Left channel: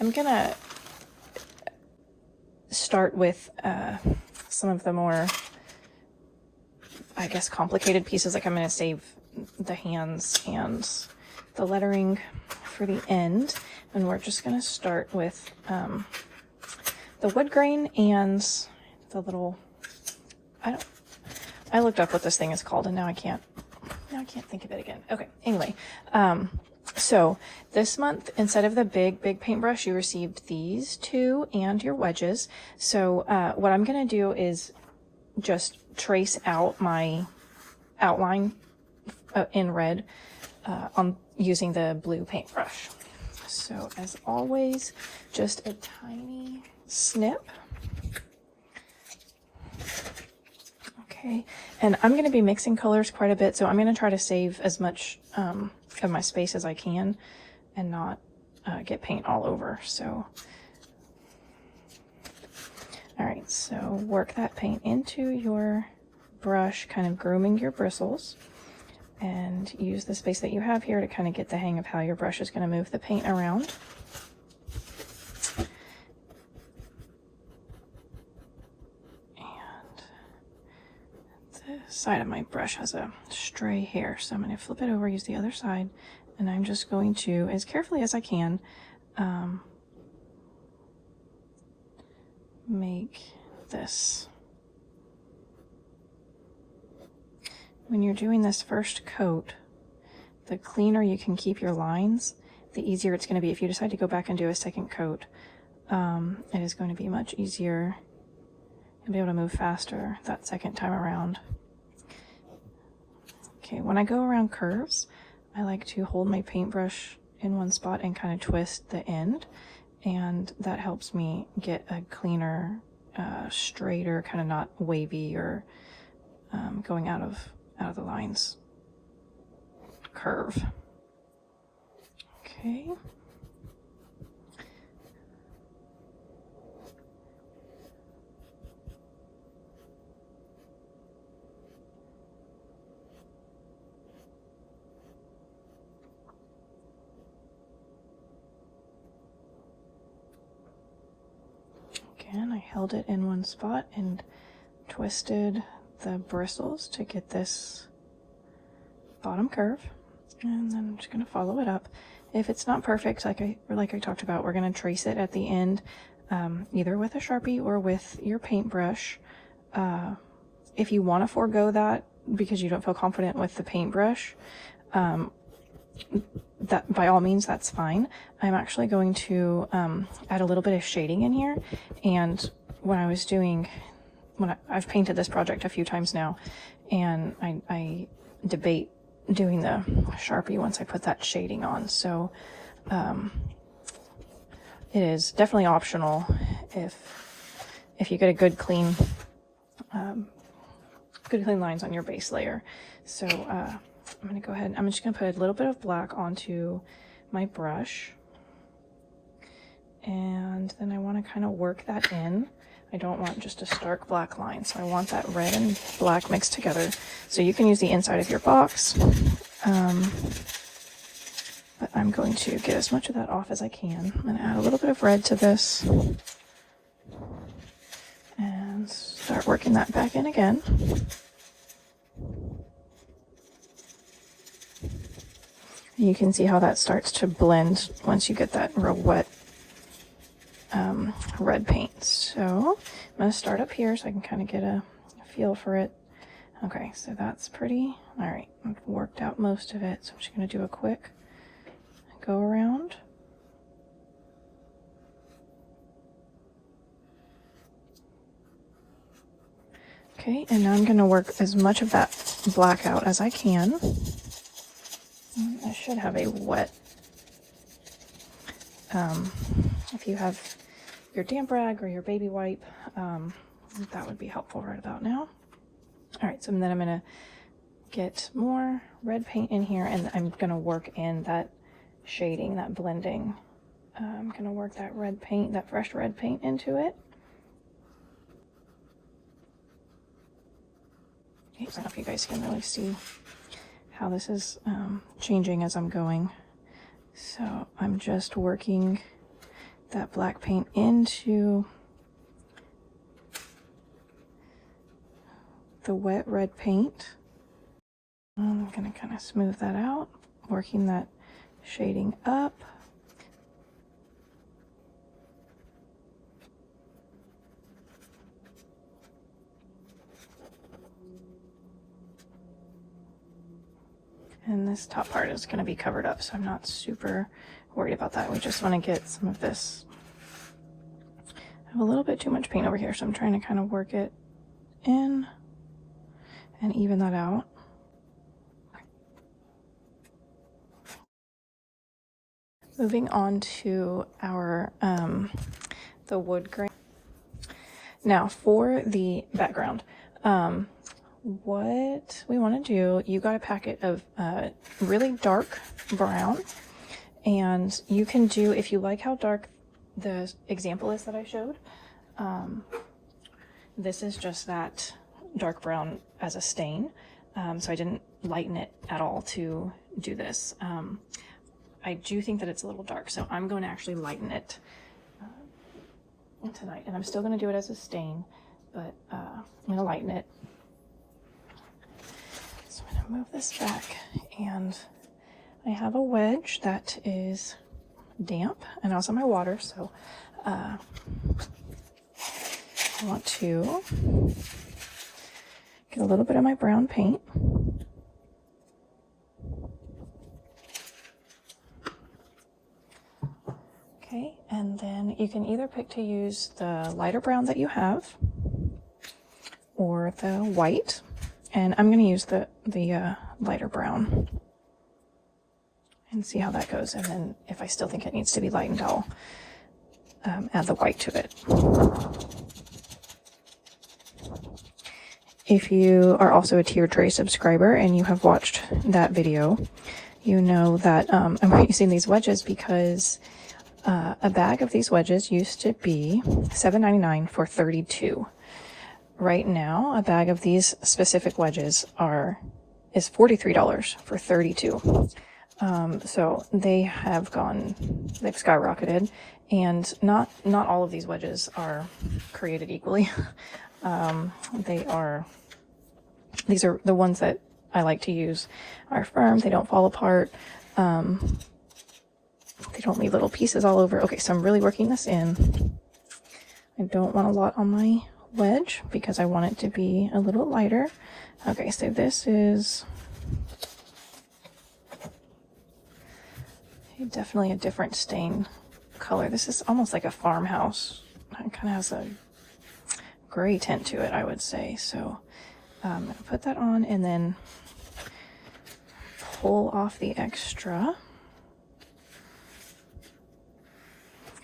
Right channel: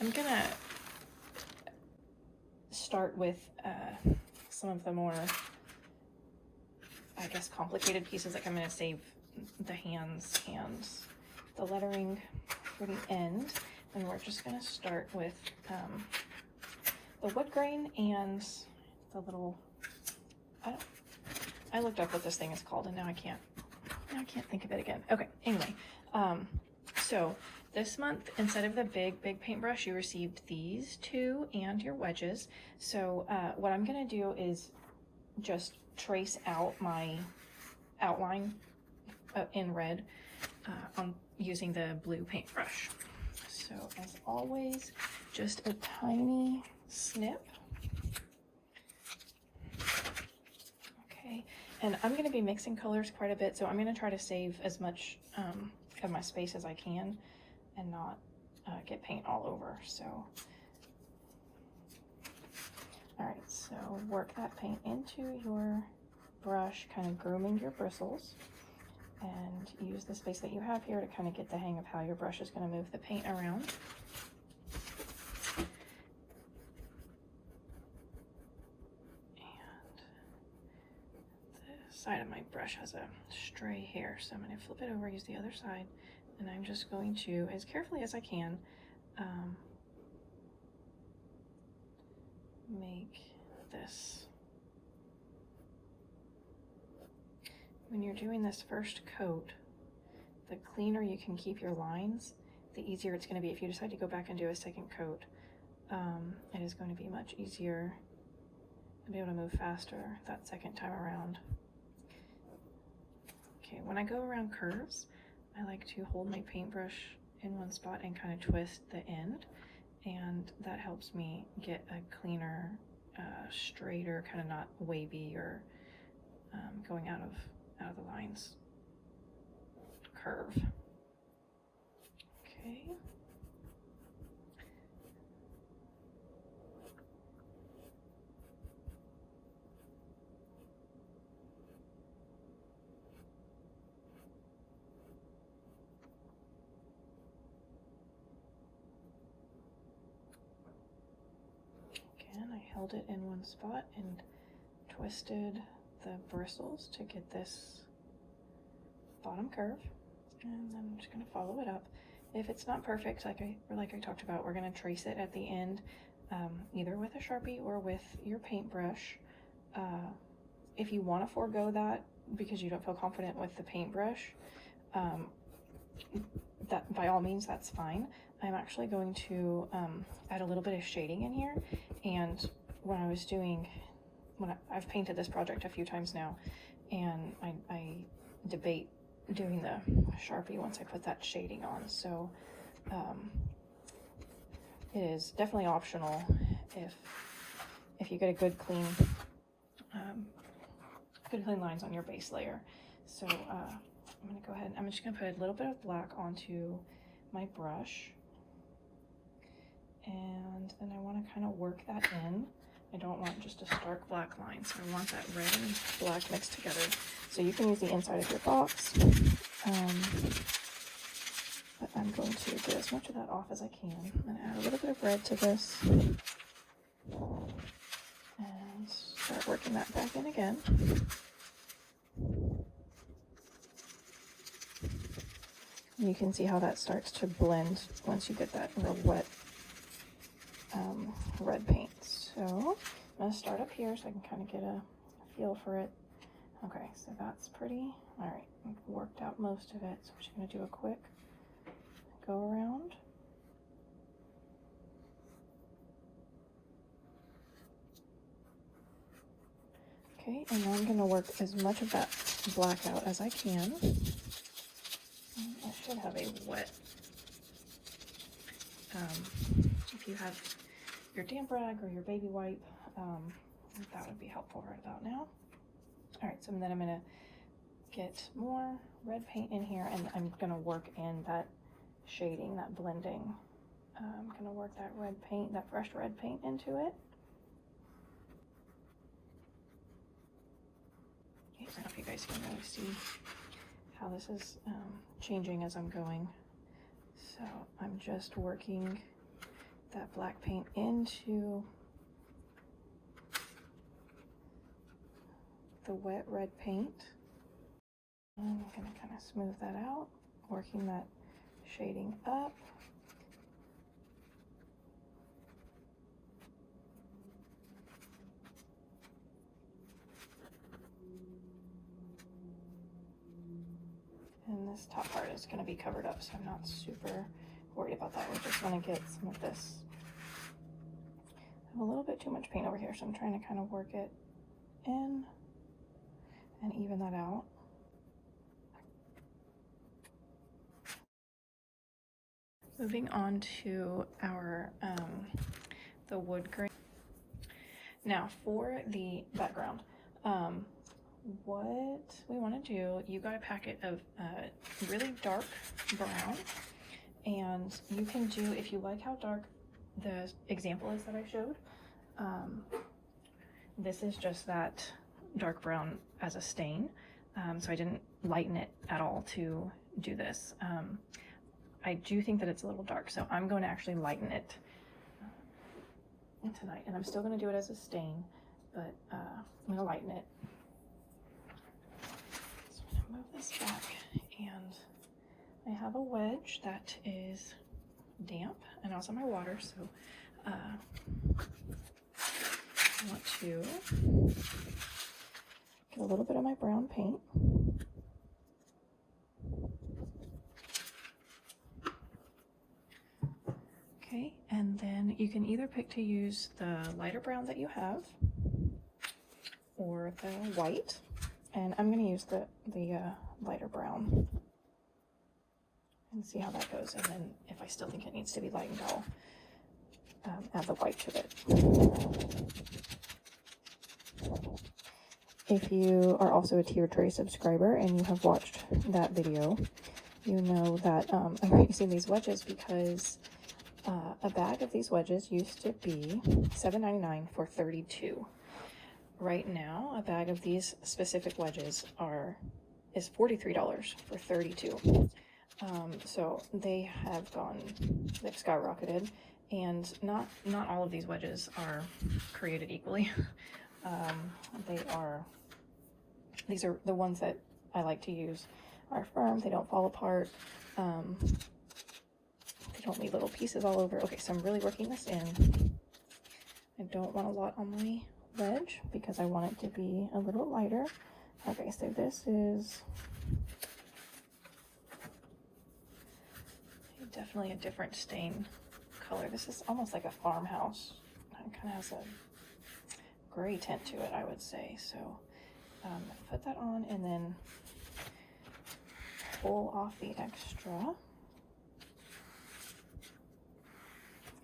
I'm gonna start with some of the more, I guess, complicated pieces. Like I'm gonna save the hands and the lettering for the end, and we're just gonna start with the wood grain and the little, I looked up what this thing is called and now I can't think of it again. Okay, anyway, so this month, instead of the big paintbrush, you received these two and your wedges. So what I'm gonna do is just trace out my outline in red on using the blue paintbrush. So as always, just a tiny snip. Okay, and I'm going to be mixing colors quite a bit, so I'm going to try to save as much of my space as I can and not get paint all over. So, all right, so work that paint into your brush, kind of grooming your bristles, and use the space that you have here to kind of get the hang of how your brush is going to move the paint around. Side of my brush has a stray hair, so I'm going to flip it over, use the other side, and I'm just going to, as carefully as I can, make this. When you're doing this first coat, the cleaner you can keep your lines, the easier it's going to be. If you decide to go back and do a second coat, it is going to be much easier. You'll be able to move faster that second time around. Okay, when I go around curves, I like to hold my paintbrush in one spot and kind of twist the end, and that helps me get a cleaner, straighter, kind of not wavy or going out of the lines curve. Okay. Again, I held it in one spot and twisted the bristles to get this bottom curve, and then I'm just going to follow it up. If it's not perfect, like I talked about, we're going to trace it at the end, either with a Sharpie or with your paintbrush. If you want to forego that because you don't feel confident with the paintbrush, that by all means, that's fine. I'm actually going to add a little bit of shading in here, and when I've painted this project a few times now, and I debate doing the Sharpie once I put that shading on. So it is definitely optional if you get a good clean lines on your base layer. So I'm going to go ahead, I'm just going to put a little bit of black onto my brush, and then I want to kind of work that in. I don't want just a stark black line, so I want that red and black mixed together. So you can use the inside of your box, but I'm going to get as much of that off as I can. I'm going to add a little bit of red to this and start working that back in again. You can see how that starts to blend once you get that real wet red paint. So I'm going to start up here so I can kind of get a feel for it. Okay, so that's pretty. All right, I've worked out most of it, so I'm just going to do a quick go around. Okay, and now I'm going to work as much of that black out as I can. I should have a wet, if you have your damp rag or your baby wipe, that would be helpful right about now. All right, so then I'm gonna get more red paint in here, and I'm gonna work in that shading, that blending. I'm gonna work that red paint, that fresh red paint into it. Okay, so I don't know if you guys can really see how this is changing as I'm going. So I'm just working that black paint into the wet red paint. I'm going to kind of smooth that out, working that shading up. And this top part is going to be covered up, so I'm not super worried about that. We just want to get some of this. I have a little bit too much paint over here, so I'm trying to kind of work it in and even that out. Moving on to our the wood grain. Now for the background, what we want to do, you got a packet of really dark brown, and you can do, if you like how dark the example is that I showed, this is just that dark brown as a stain, so I didn't lighten it at all to do this. I do think that it's a little dark, so I'm going to actually lighten it tonight, and I'm still going to do it as a stain, but I'm going to lighten it. So I'm going to move this back, and I have a wedge that is damp, and also my water, so I want to get a little bit of my brown paint. Okay, and then you can either pick to use the lighter brown that you have or the white, and I'm going to use the lighter brown and see how that goes, and then if I still think it needs to be lightened, I'll add the white to it. If you are also a Tier Tray subscriber and you have watched that video, you know that I'm using these wedges because a bag of these wedges used to be $7.99 for 32. Right now, a bag of these specific wedges is $43 for 32. So they've skyrocketed, and not all of these wedges are created equally. These are the ones that I like to use are firm, they don't fall apart. They don't leave little pieces all over. Okay, so I'm really working this in. I don't want a lot on my wedge because I want it to be a little lighter. Okay, so this is definitely a different stain color. This is almost like a farmhouse. It kind of has a gray tint to it, I would say. So put that on and then pull off the extra.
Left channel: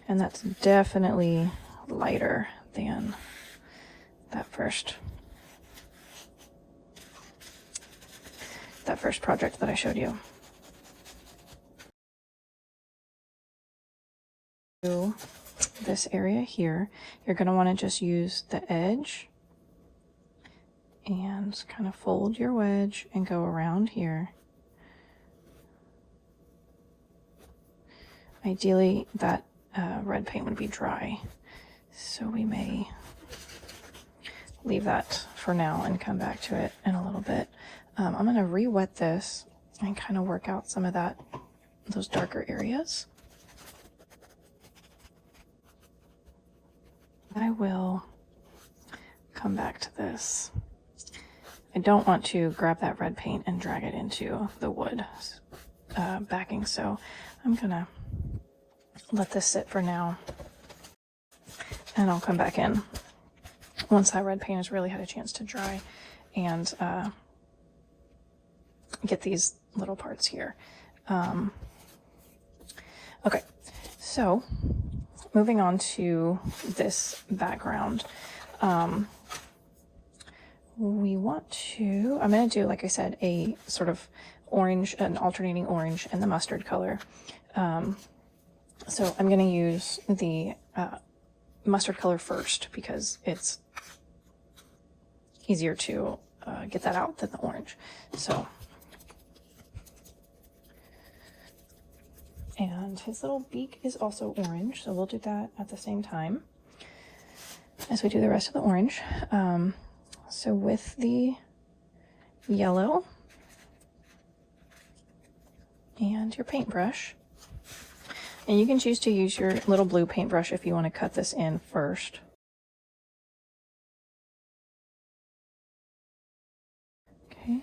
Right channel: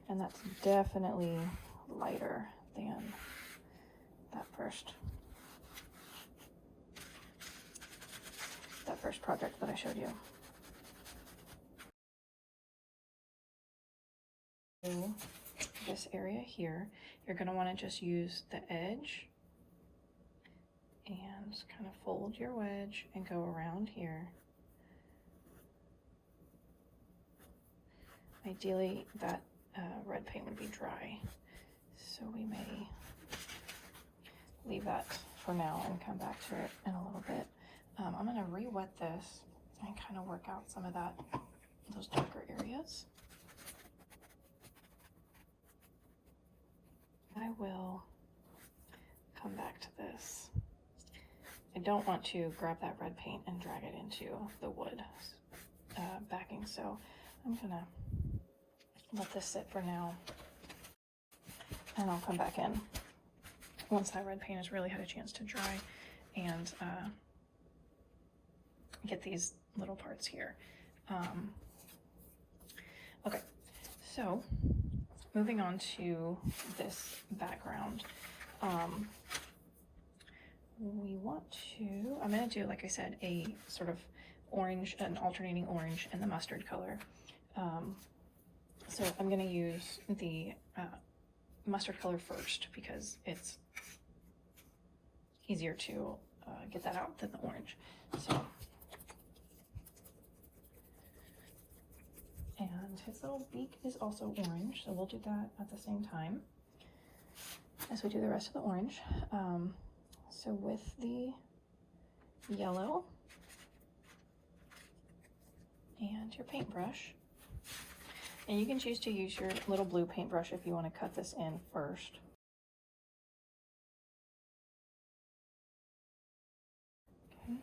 And that's definitely lighter than that first project that I showed you. This area here, you're going to want to just use the edge and kind of fold your wedge and go around here. Ideally, that red paint would be dry, so we may leave that for now and come back to it in a little bit. I'm going to re-wet this and kind of work out some of those darker areas. I will come back to this. I don't want to grab that red paint and drag it into the wood backing, so I'm gonna let this sit for now, and I'll come back in once that red paint has really had a chance to dry and get these little parts here. Okay, so moving on to this background, we want to, I'm going to do, like I said, a sort of orange, an alternating orange and the mustard color. So I'm going to use the mustard color first because it's easier to get that out than the orange. So, And his little beak is also orange, so we'll do that at the same time as we do the rest of the orange. So with the yellow and your paintbrush, and you can choose to use your little blue paintbrush if you want to cut this in first. Okay.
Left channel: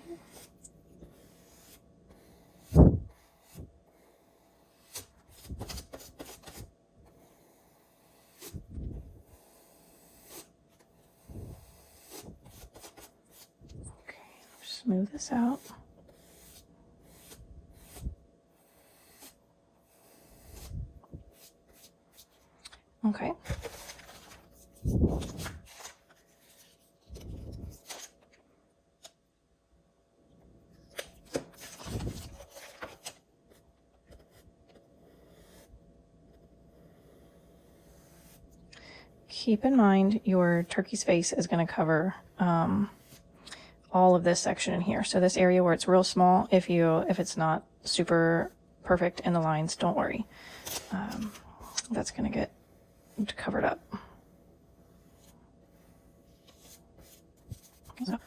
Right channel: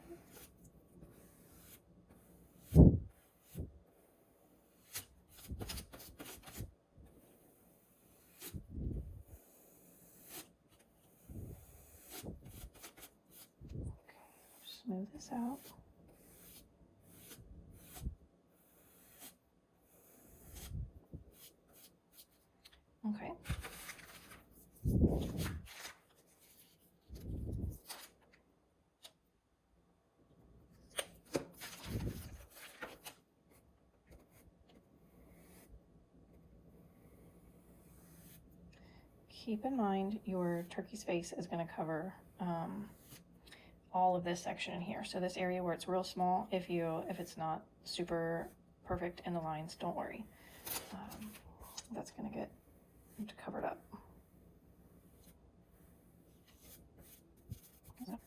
Smooth this out. Okay. Keep in mind your turkey's face is going to cover all of this section in here. So this area where it's real small, if it's not super perfect in the lines, don't worry. That's going to get covered up. So.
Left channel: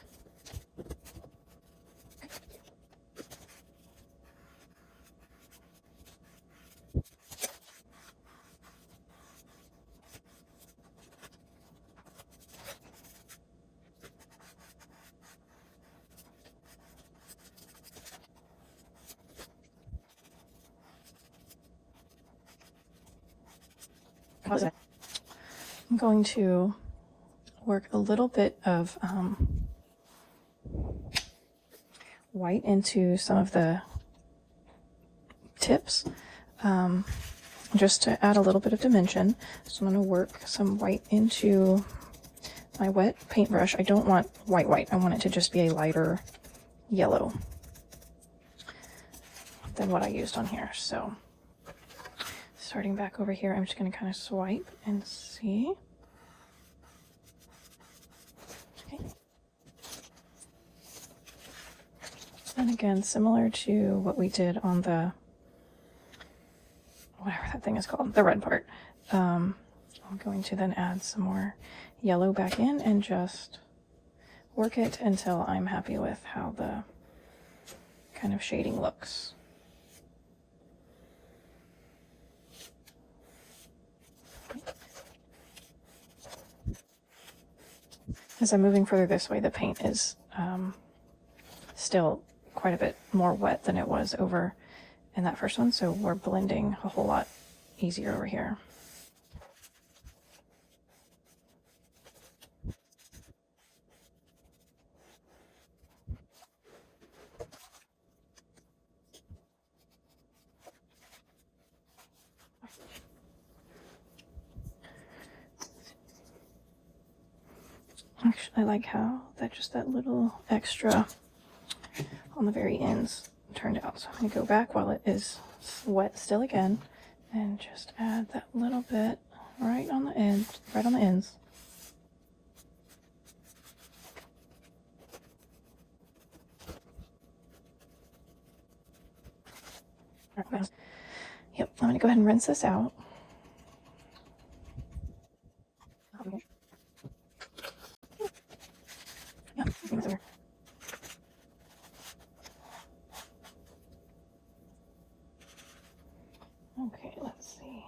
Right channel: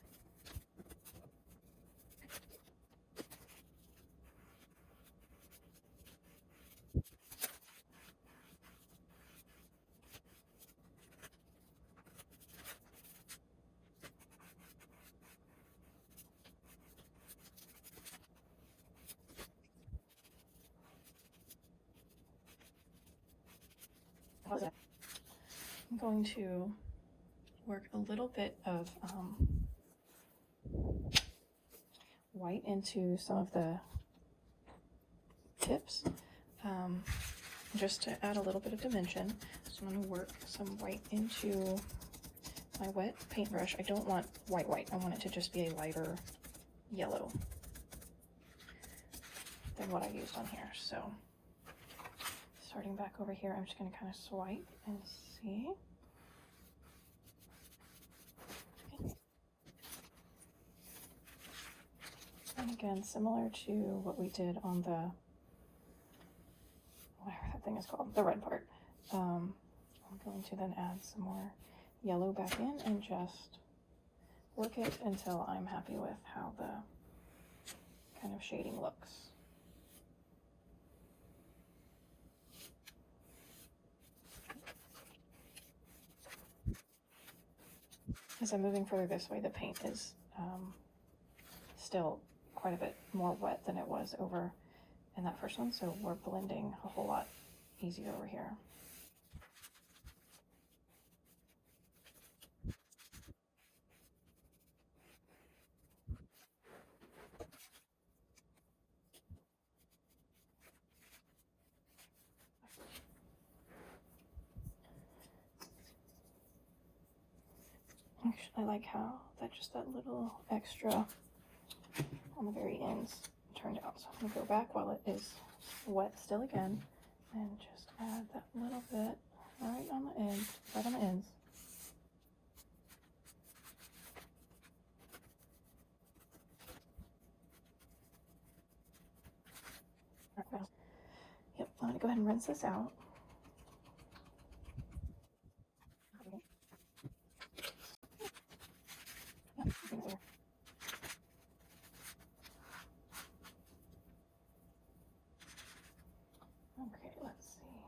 I'm going to work a little bit of white into some of the tips, just to add a little bit of dimension. So I'm going to work some white into my wet paintbrush. I don't want white. I want it to just be a lighter yellow than what I used on here. So starting back over here, I'm just going to kind of swipe and see. Okay. And again, similar to what we did on the, whatever that thing is called, the red part, I'm going to then add some more yellow back in and just work it until I'm happy with how the kind of shading looks. As I'm moving further this way, the paint is still quite a bit more wet than it was over in that first one, so we're blending a whole lot easier over here. Actually, I like how that little extra on the very ends turned out. So I'm going to go back while it is wet still again and just add that little bit right on the end, right on the ends. Yep, I'm going to go ahead and rinse this out. Okay, let's see.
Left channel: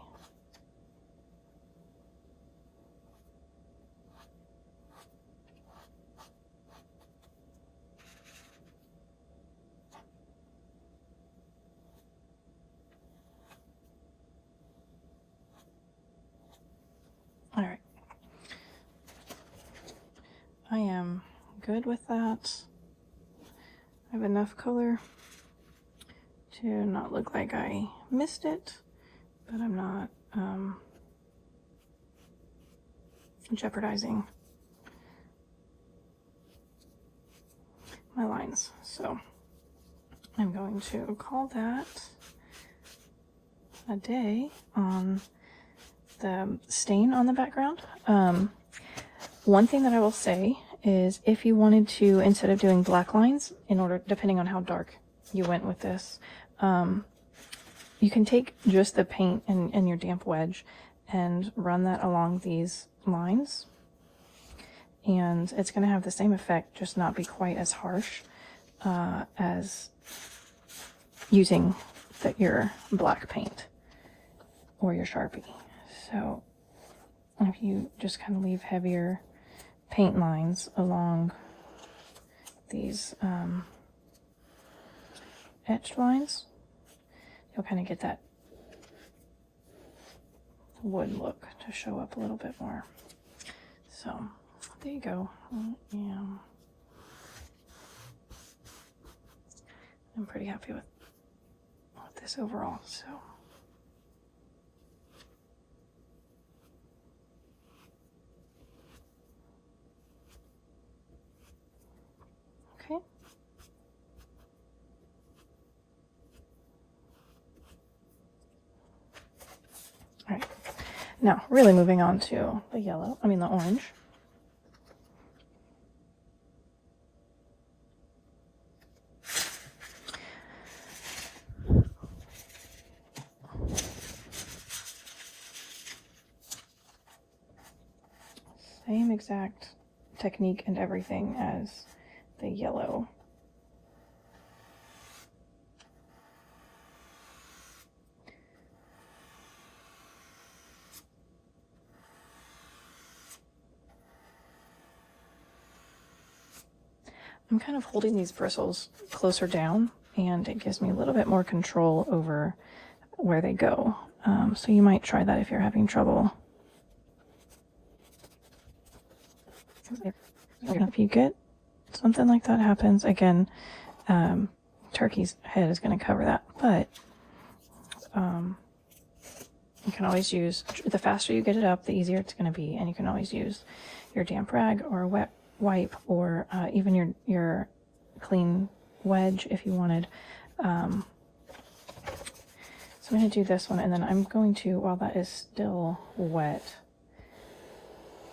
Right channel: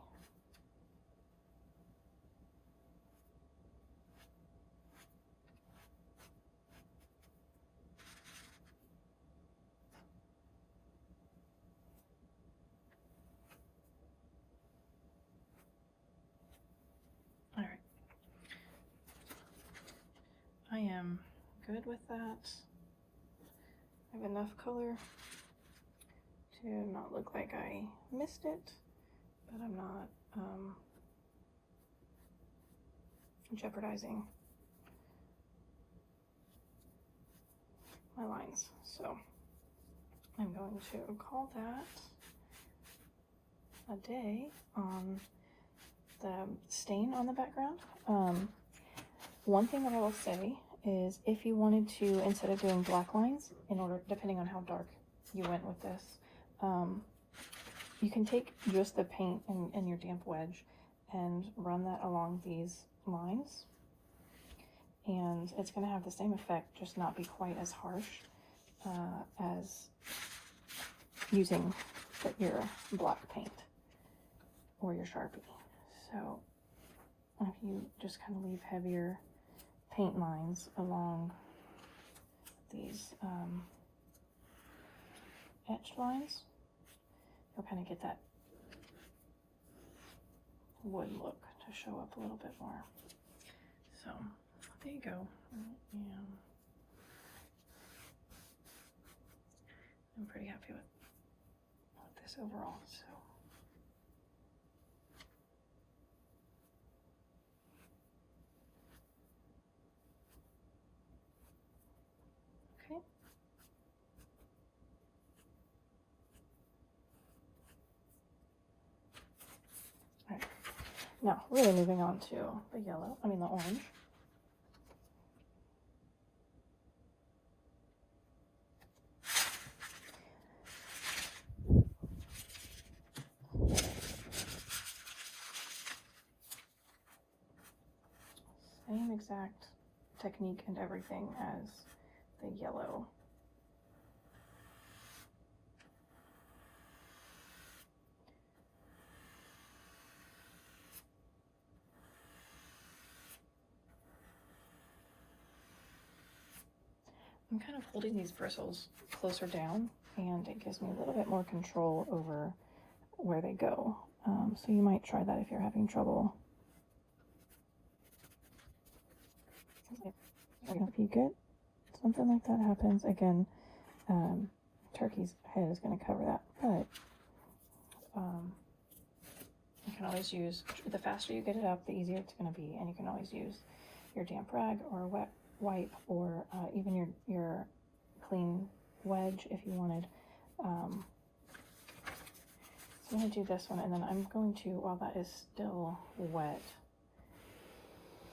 All right. I am good with that. I have enough color to not look like I missed it, but I'm not jeopardizing my lines. So I'm going to call that a day on the stain on the background. One thing that I will say is if you wanted to, instead of doing black lines, depending on how dark you went with this, you can take just the paint and your damp wedge and run that along these lines, and it's going to have the same effect, just not be quite as harsh as using your black paint or your Sharpie. So if you just kind of leave heavier paint lines along these etched lines, you'll kind of get that wood look to show up a little bit more. So there you go. I'm pretty happy with this overall. So okay. All right. Now, really moving on to the the orange. Same exact technique and everything as the yellow. I'm kind of holding these bristles closer down, and it gives me a little bit more control over where they go. So you might try that if you're having trouble. If you get something like that happens, again, turkey's head is going to cover that, but you can always use, the faster you get it up, the easier it's going to be, and you can always use your damp rag or a wet wipe, or even your clean wedge if you wanted. So I'm going to do this one, and then I'm going to, while that is still wet,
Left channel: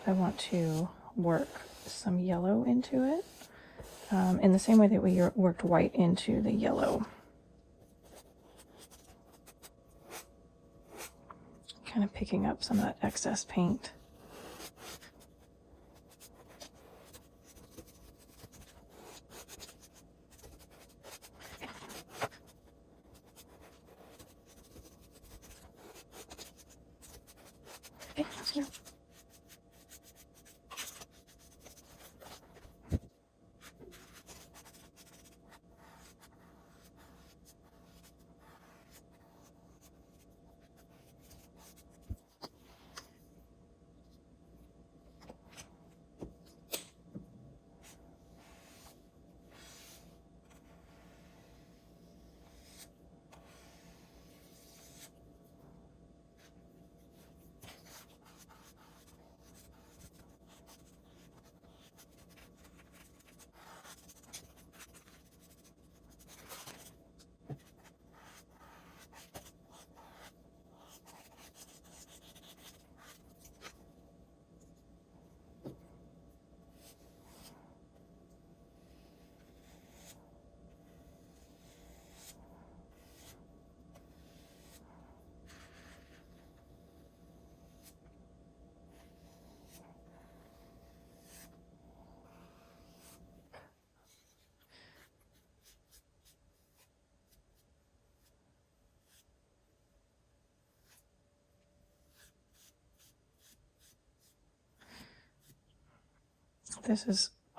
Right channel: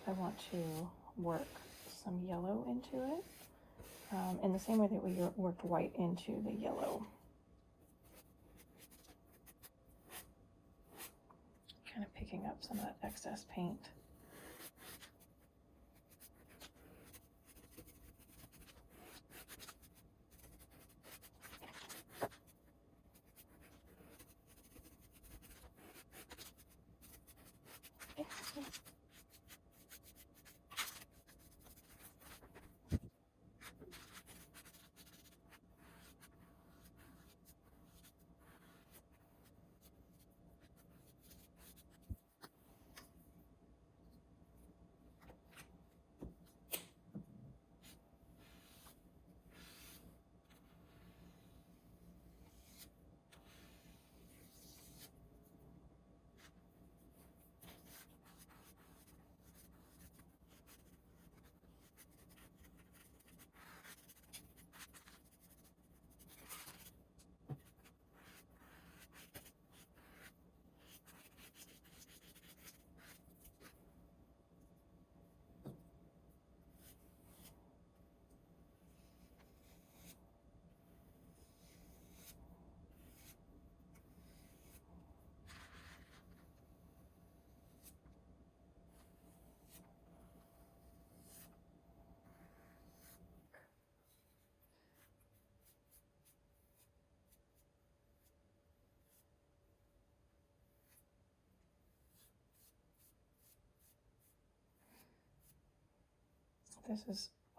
I want to work some yellow into it, in the same way that we worked white into the yellow. Kind of picking up some of that excess paint.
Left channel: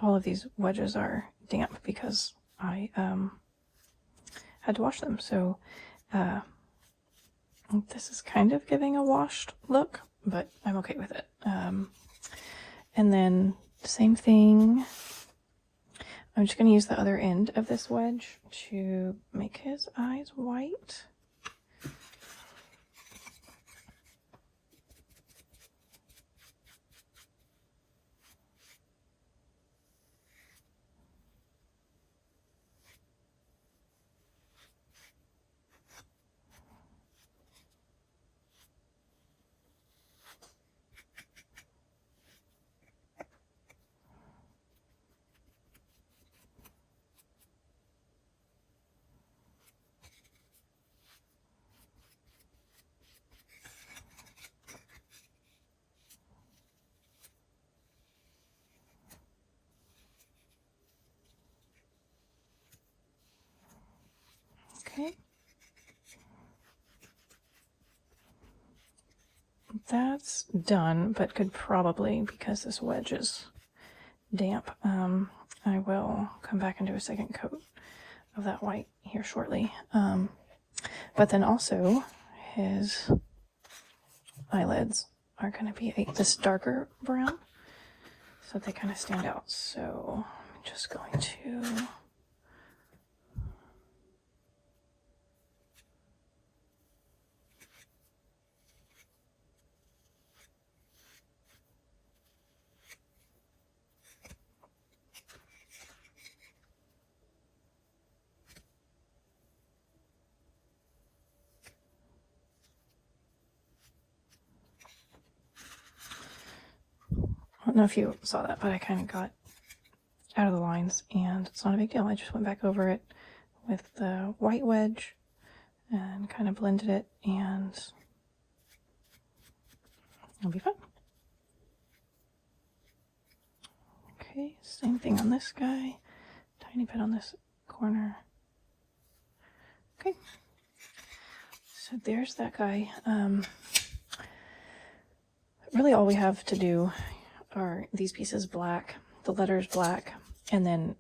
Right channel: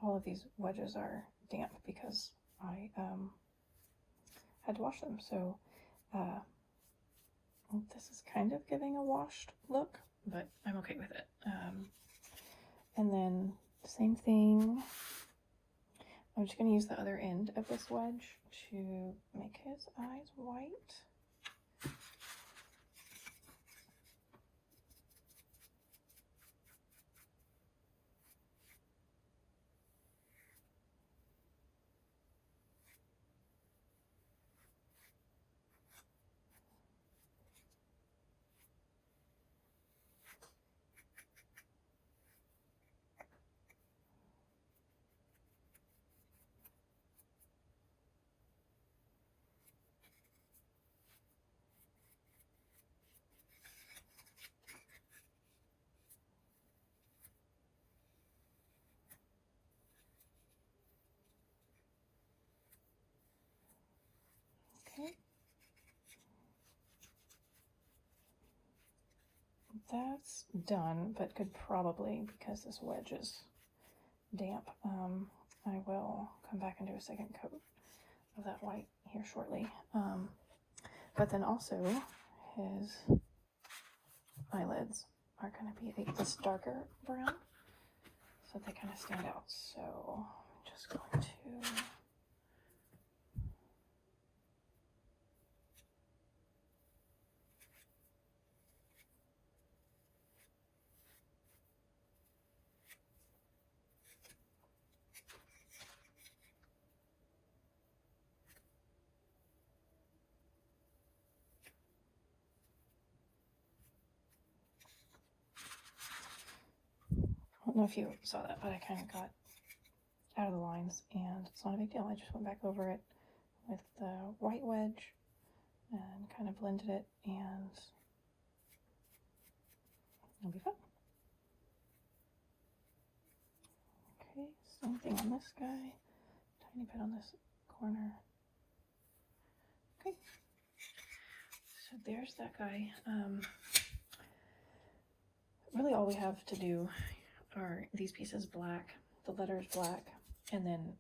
All of these wedges are damp because I had to wash them. So this is kind of giving a washed look, but I'm okay with it. And then same thing. I'm just going to use the other end of this wedge to make his eyes white. that's done, but could probably, because this wedge is damp, I will come back and do a second coat of that white here shortly. But then also his eyelids are going to be this darker brown, so they kind of stand out. So I'm just going to I don't know if you saw that, but I kind of got out of the lines, and it's not a big deal. I just went back over it with the white wedge and kind of blended it, and it'll be fun. Okay, same thing on this guy. Tiny bit on this corner. Okay, so there's that guy. Really all we have to do are these pieces black, the letters black, and then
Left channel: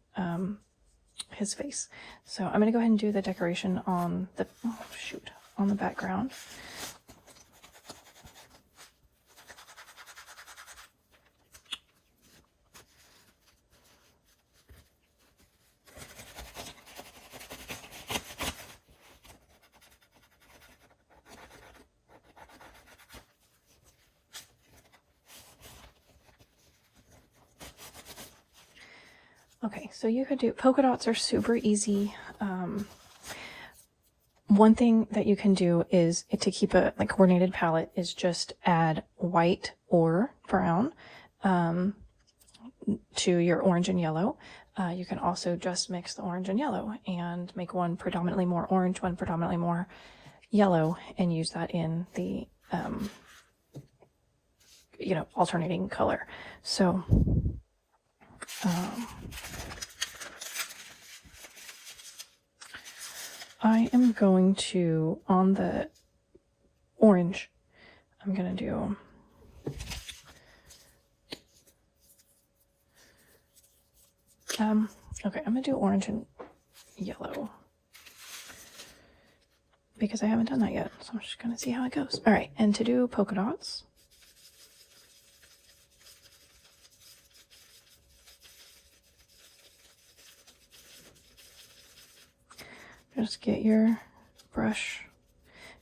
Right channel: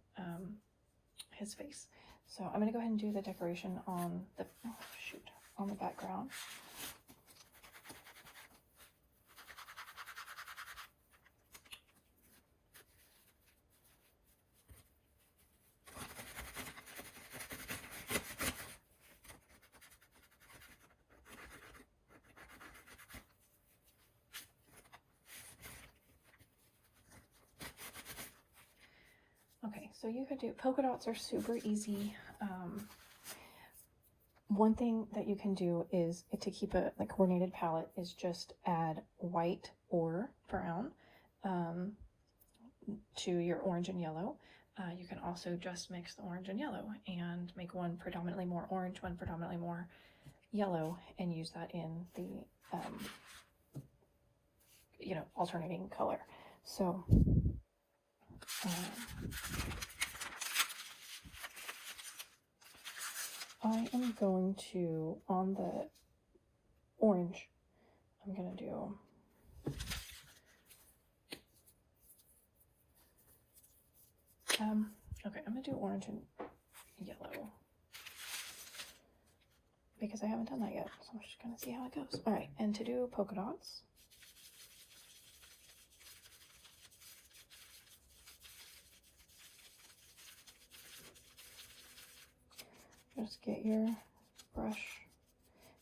his face. So I'm gonna go ahead and do the decoration on the, on the background. Okay, so you could do, polka dots are super easy. One thing that you can do is, to keep a coordinated palette, is just add white or brown to your orange and yellow. You can also just mix the orange and yellow and make one predominantly more orange, one predominantly more yellow, and use that in the alternating color. So I am going to, on the orange, I'm going to do okay, I'm going to do orange and yellow because I haven't done that yet, so I'm just going to see how it goes. All right, and to do polka dots, just get your brush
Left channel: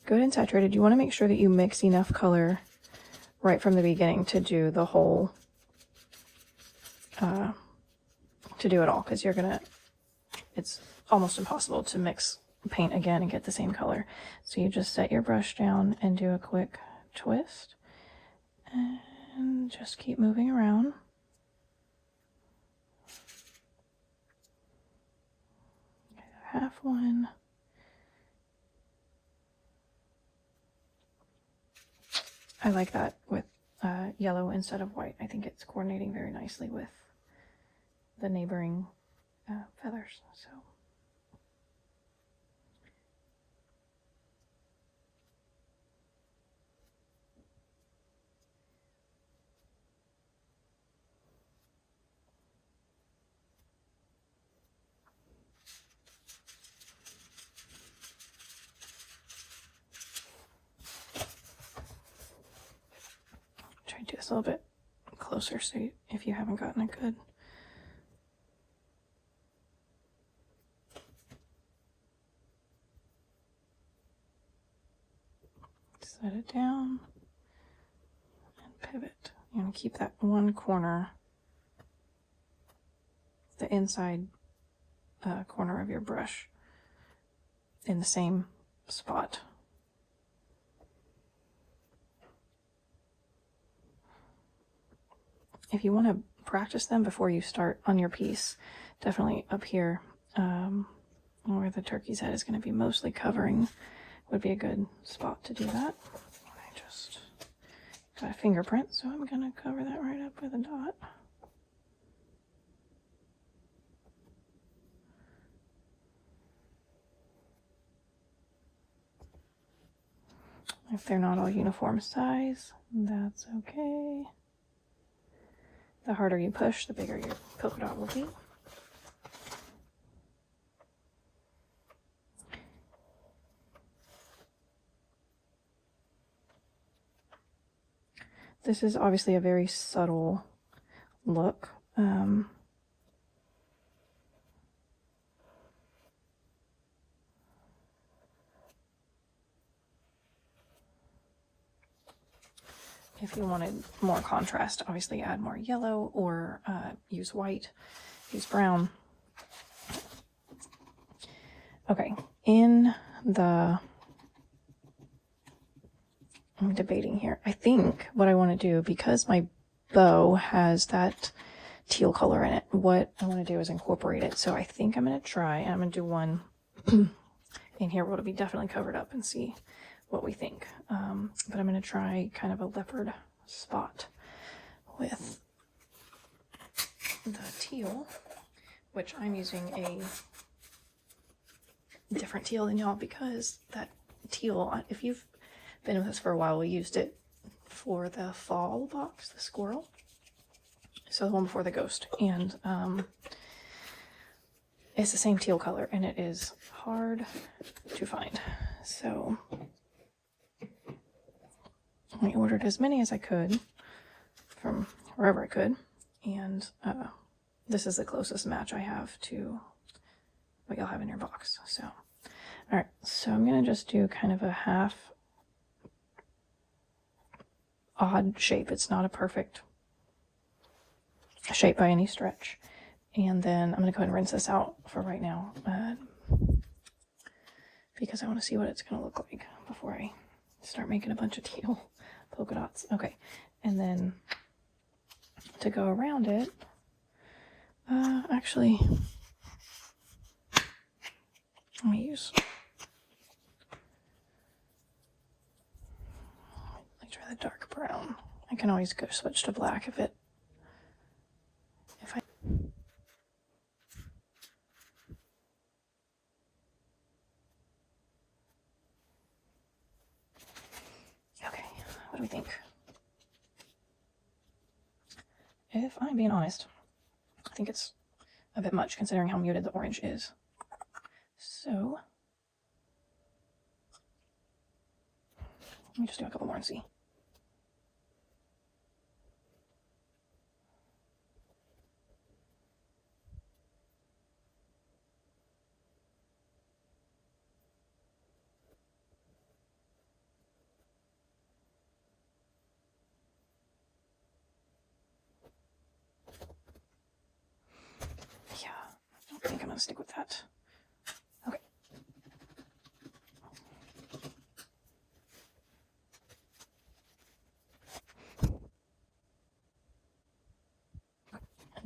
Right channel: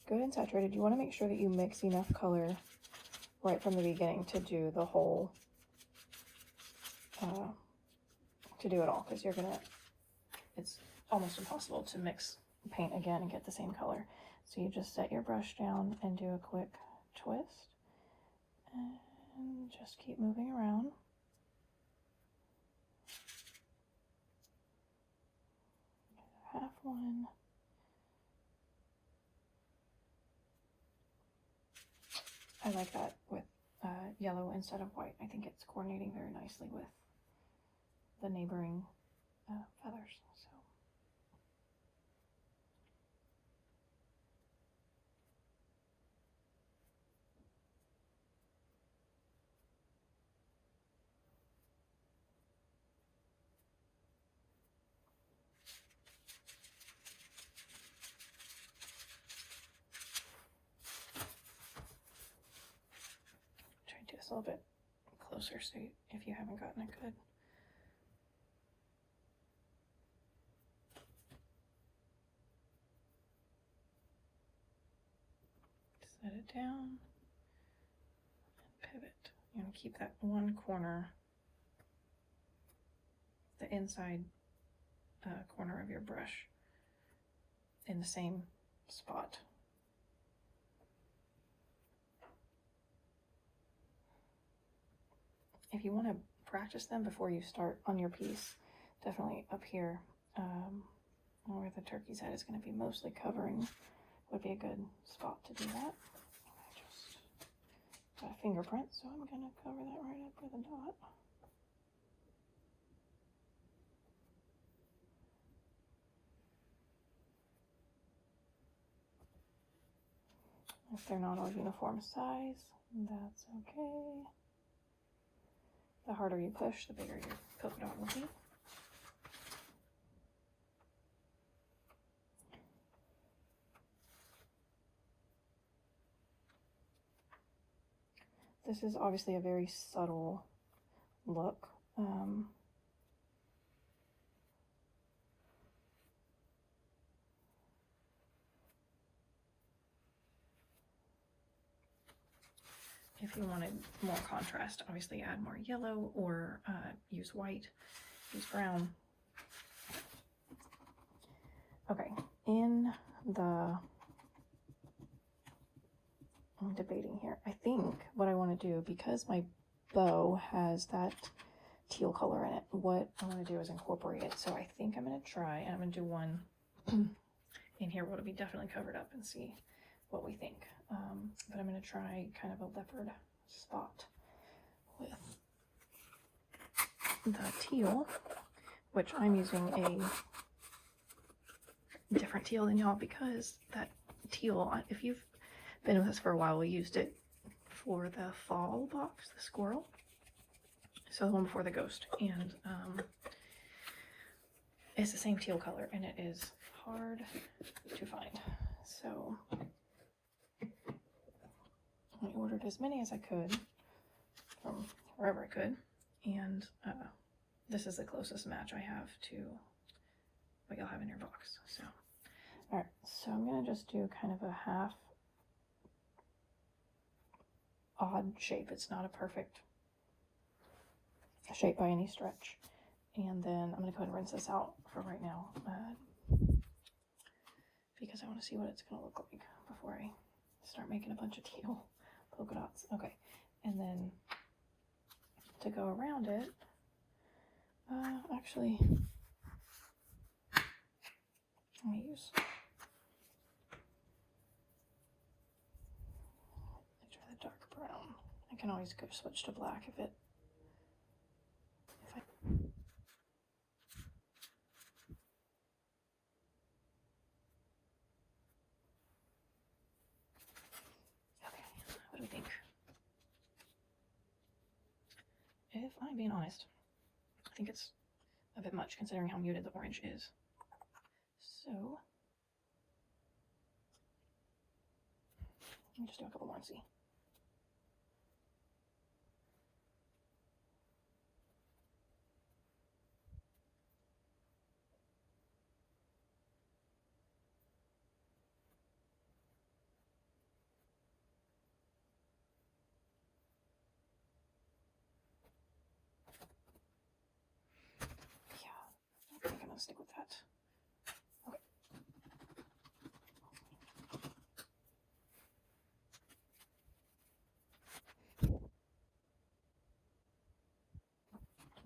good and saturated. You want to make sure that you mix enough color right from the beginning to do the whole, to do it all, because it's almost impossible to mix paint again and get the same color. So you just set your brush down and do a quick twist and just keep moving around. Half one. I like that with yellow instead of white. I think it's coordinating very nicely with the neighboring feathers. So try to do this a little bit closer, so if you haven't gotten it good. Set it down and pivot. You want to keep that one corner, the inside corner of your brush, in the same spot. If you want to practice them before you start on your piece, definitely up here where the turkey's head is going to be mostly covering would be a good spot to do that. I just got a fingerprint, so I'm going to cover that right up with a dot. If they're not all uniform size, that's okay. The harder you push, the bigger your polka dot will be. This is obviously a very subtle look. If you wanted more contrast, obviously add more yellow or use white, use brown. Okay, I'm debating here. I think what I want to do, because my bow has that teal color in it, what I want to do is incorporate it. So I think I'm going to try, and I'm going to do one in here where it'll be definitely covered up and see what we think. But I'm going to try kind of a leopard spot with the teal, which I'm using a different teal than y'all, because that teal, if you've been with us for a while, we used it for the fall box, the squirrel. So the one before the ghost. And it's the same teal color, and it is hard to find. So I ordered as many as I could from wherever I could, and this is the closest match I have to what you'll have in your box. So all right, so I'm gonna just do kind of a half odd shape. It's not a perfect shape by any stretch. And then I'm gonna go ahead and rinse this out for right now, because I want to see what it's gonna look like before I start making a bunch of teal polka dots. Okay, and then to go around it, actually, let me try the dark brown. I can always go switch to black if I okay, what do we think? If I'm being honest, I think it's a bit much considering how muted the orange is. So let me just do a couple more and see. Yeah, I don't think I'm gonna stick with that. Okay.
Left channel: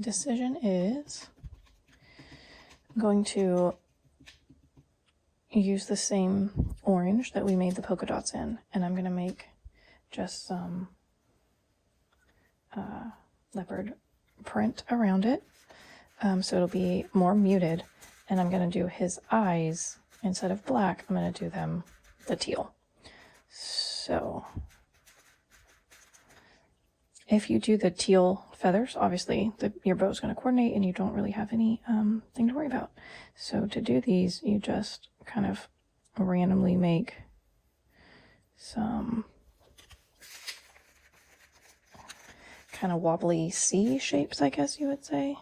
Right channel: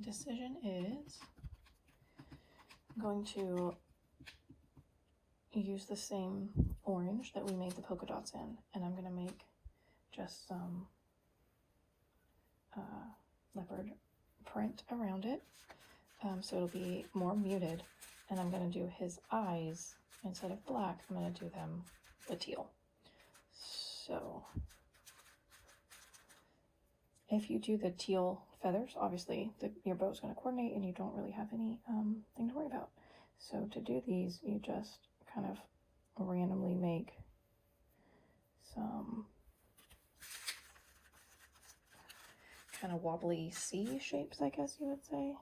Decision is I'm going to use the same orange that we made the polka dots in, and I'm going to make just some leopard print around it, so it'll be more muted. And I'm going to do his eyes, instead of black, I'm going to do them the teal. So if you do the teal feathers, obviously your bow is going to coordinate and you don't really have any thing to worry about. So to do these, you just kind of randomly make some kind of wobbly C shapes, I guess you would say.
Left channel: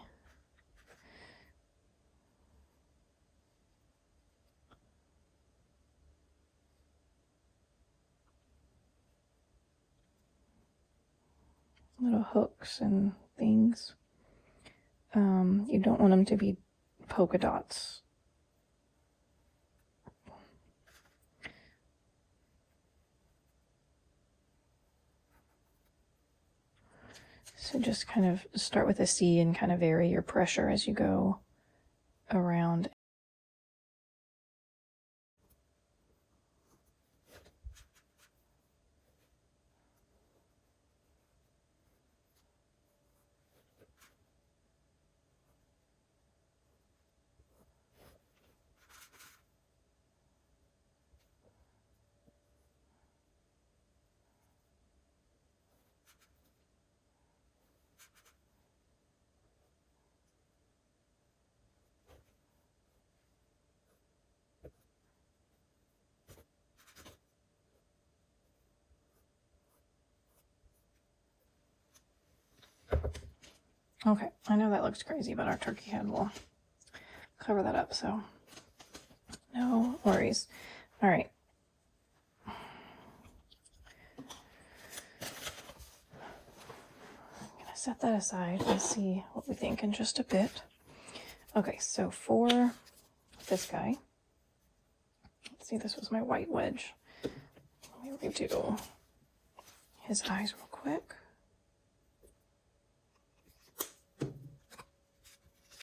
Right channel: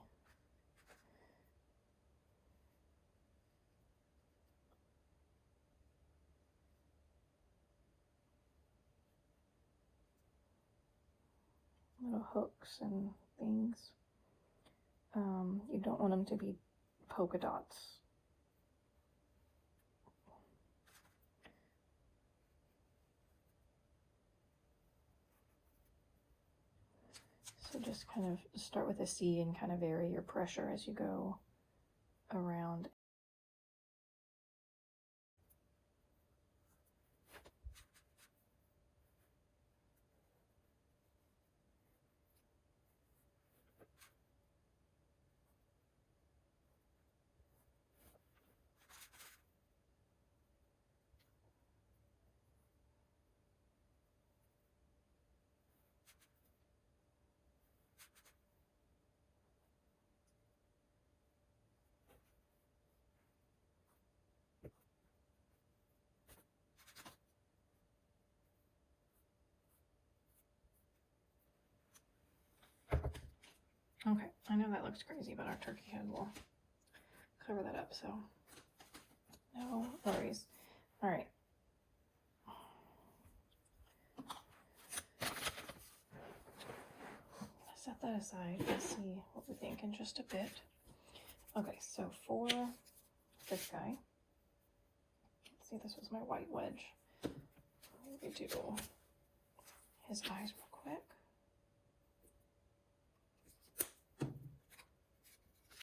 Little hooks and things. You don't want them to be polka dots. So just kind of start with a C and kind of vary your pressure as you go around. Okay, I know that looks crazy, but our turkey head will cover that up, so no worries. All right. I'm gonna set that aside and see what we think in just a bit. Okay, so for this guy, let's see, this was my white wedge. Let me redo his eyes real quick.